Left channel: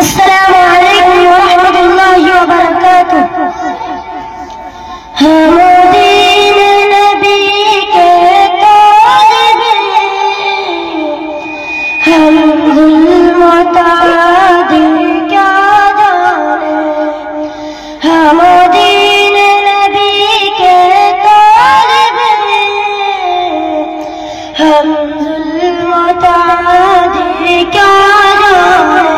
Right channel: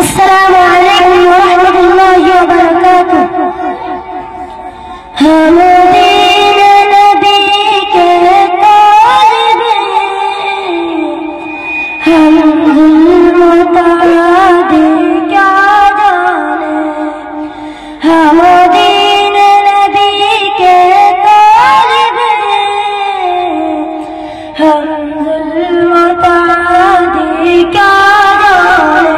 السلام علیکم ورحمۃ اللہ وبرکاتہ۔ ہم دین نبی کے طالب ہیں، ہم ظلم و تعدی کیا جانے۔ ہم دین نبی کے طالب ہیں، ہم ظلم و تعدی کیا جانے۔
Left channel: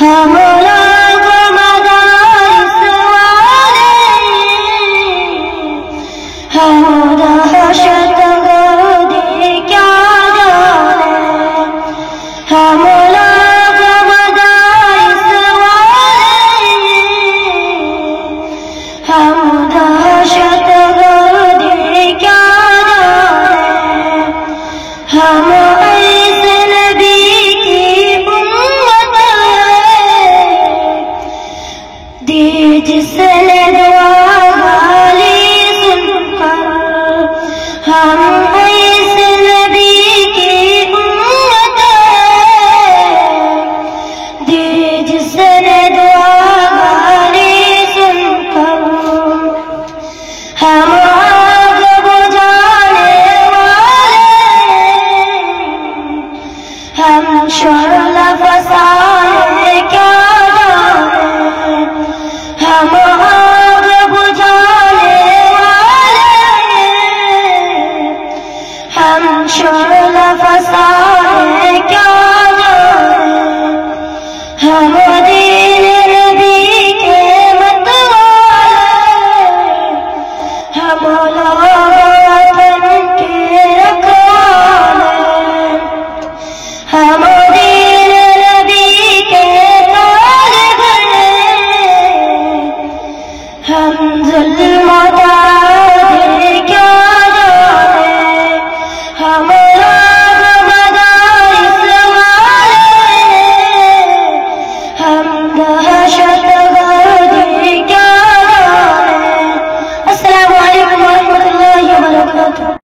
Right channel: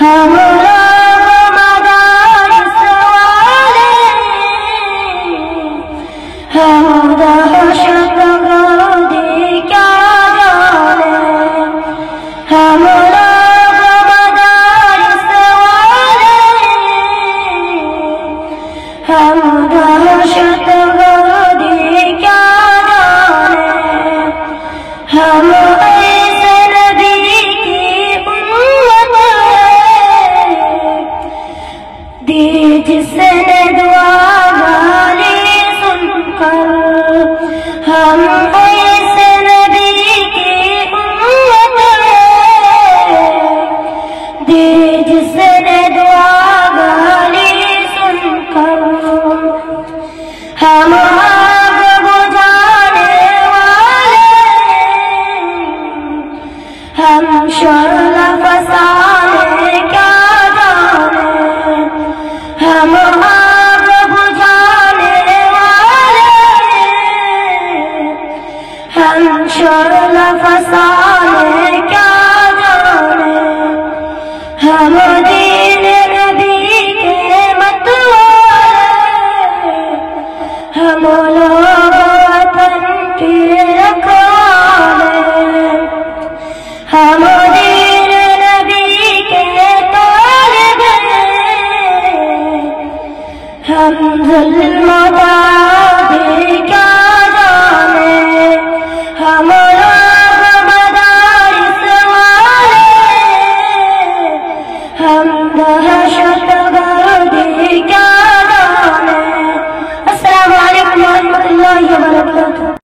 ہم لوگ مدارس والے ہیں، ہم دہشت گردی کیا جانے۔ ہم لوگ مدارس والے ہیں، ہم دہشت گردی کیا جانے۔ ہم ایسے نبی کی امت ہے، دی جس نے دعا والی سن کر۔ ہم ایسے نبی کی امت ہے، دی جس نے دعا والی سن کر۔ ہم آگ بجھانے والے ہیں، ہم شعلہ فسانے کیا جانے۔ ہم آگ بجھانے والے ہیں، ہم شعلہ فسانے کیا جانے۔ ہم دین نبی کے مت والے، ہم لوگ وطن کے رکھوالے۔ ہم دین نبی کے طالب ہیں، ہم ظلم و